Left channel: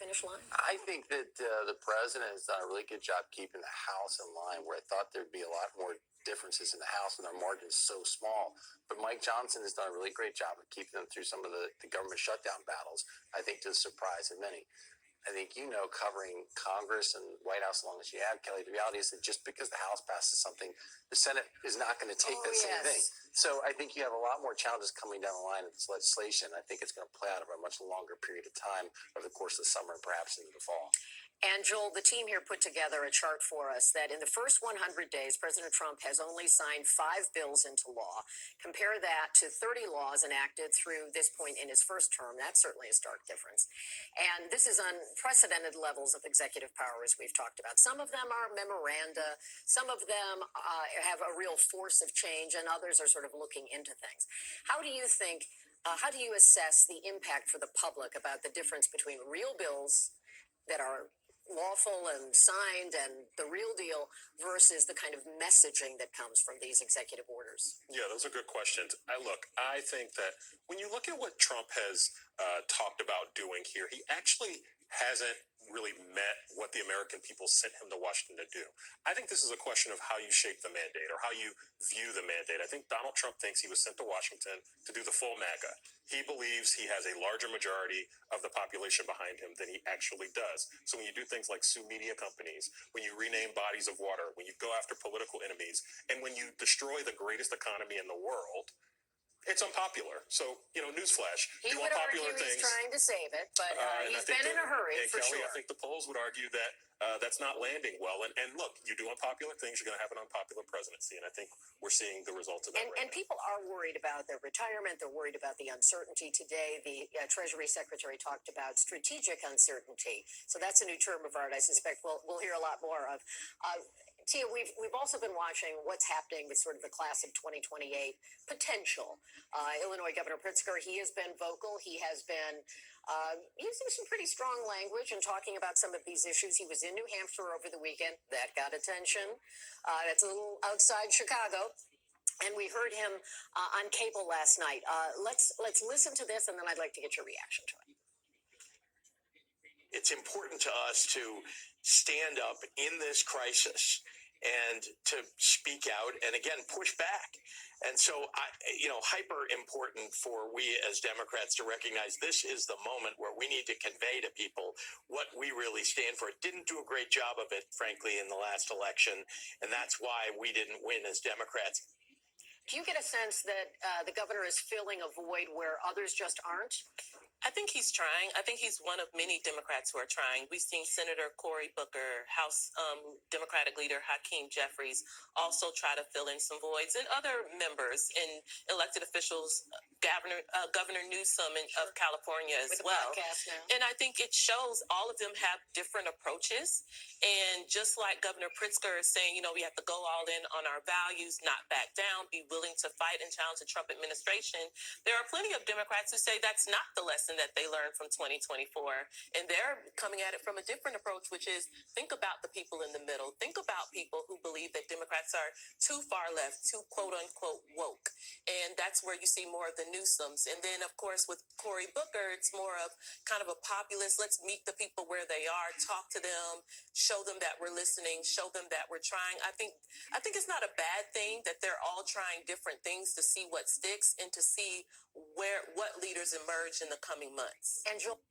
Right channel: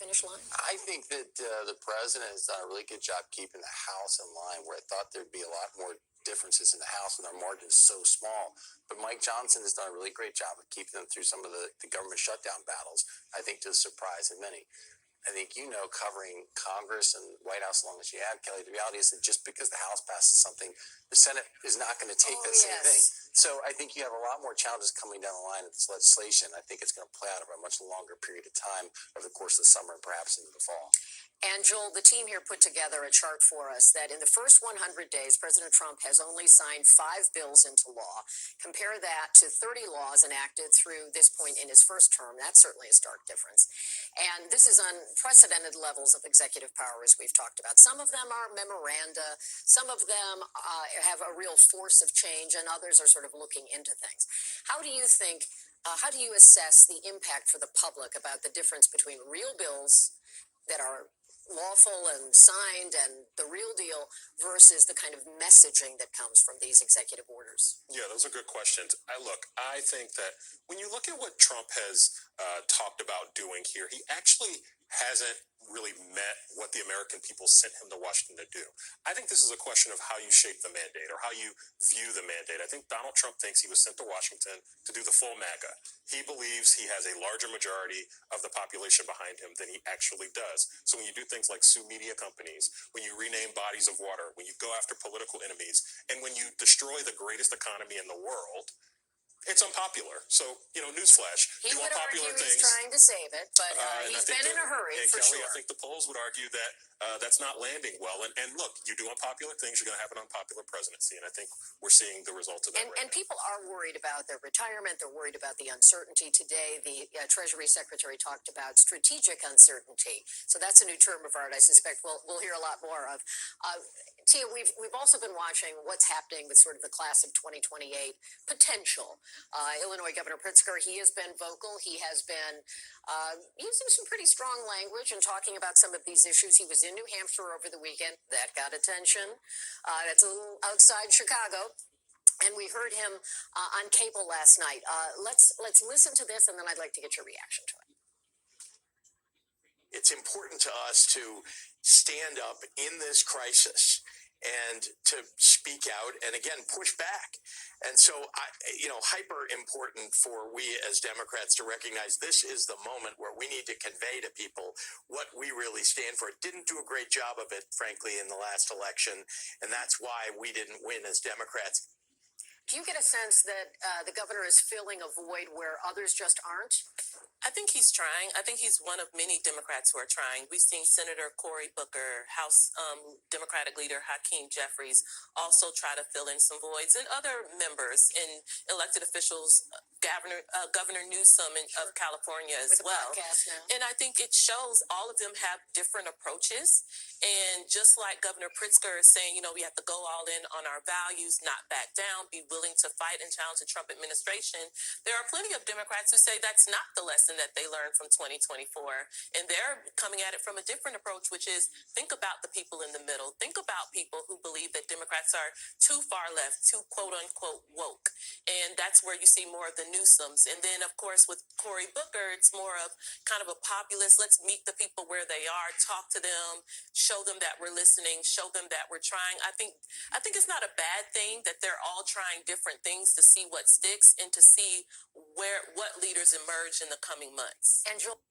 finish line? I think that the president has done a really good job keeping the House in line, where I thought there'd be a lot more differences in the House and our margins so small. But Mike Johnson has done a really great job of keeping them through some of the government shutdown battles, I think to the surprise of many. I think covering Congress and White House as long as you have, Kelly, the reality is that just because the House passes something, the Senate is not going to take that same thing. So I think you have a lot more challenges coming down the line of this legislation. I think it's going to play out over a much longer period of time over the course of the summer and perhaps into the fall. And Joel, the team here put together a chart for us that in the first 100 days, President Trump has only signed 5 bills into law. Compare that to 30 laws enacted through this point in his first term. That's certainly a stark difference. And this is unprecedented levels of executive power, as we've talked about. Some of them are memoranda. Some of them have a real force of change, and others are sort of looking into things. How do you think, how do you assess the impact for the public about the difference between real bills that are lawful and signed and the real deal versus the kind of messaging that comes from these executive orders? Yeah, those are good questions. I think that when you look at what Trump has talked about doing here, he actually hasn't really met what the American people sent him to Washington to do. I think this is a question of how you shape the mandate or how you view the mandate. I think Donald Trump thinks he was sent to Washington to do the full MAGA. He believes he has a larger majority of the population behind him than he actually does. So when you do things like sue media companies, when you rename bodies of water, when you go after political enemies, and when you destroy the greatest economy in the world, it's unpopular. So, newsflash. He would argue he's trying to save it, but he's been in a hurry, for Kelly, sure. I think the polls would argue that that's not landing well. And look, you do unpopular things, you're going to have an unpopular presidency. And I think we're seeing the results of that right now. And people are worried about their retirement. They're worried about the uncertainty. Today, the Treasury Secretary talked about strategic uncertainty. So that's a new term of art I suspect we'll hear a lot more of. Tia, we've also been watching what's happening with sort of the class of 2028 potential. Illinois Governor Pritzker, he has been vocal. He has been using some pretty strong language and talking about some of these issues. He was in New Hampshire over the weekend. That got attention. That's a little outside Chicago. And we heard him on cable last night. Let's listen to this, and then I'd like to get your reaction to it. It's important to us to stand up in this crisis and to speak out and, again, push back. And so, hyper important for we as Democrats to recognize this is the moment where we need to convey to people what we really stand for. It didn't do a great job of it, frankly, in the last election, and that's why we didn't win as Democrats. Do you get a sense that the governor is filling a void where others just aren't? I think he's trying. I think he's one of many Democrats who are trying. We've seen Senator Cory Booker, House Democratic leader Hakeem Jeffries also try to fill in some voids, and other members and elected officials, Governor Newsom of California as well. And I think it shows all of them have different approaches. And just like Governor Pritzker is saying, we have to go all in on our values, not back down, be willing to fight and challenge the Trump administration. There are plenty of Democrats who say that's not the lesson that they learned from 2024. And they're coming at it from a different approach, which is think about the people in the middle. Think about people who believe that Democrats are too far left, too quote unquote woke. And that's where you see more of the Newsoms. And then, of course, with Cory Booker, it's more of kind of a populist. Let's meet the people where they are, talk to them, show them that we're listening, show them that we're trying. I think it's not a bad thing that they're all trying different things to see what sticks and to see what leaders emerge in the coming months. And Joel,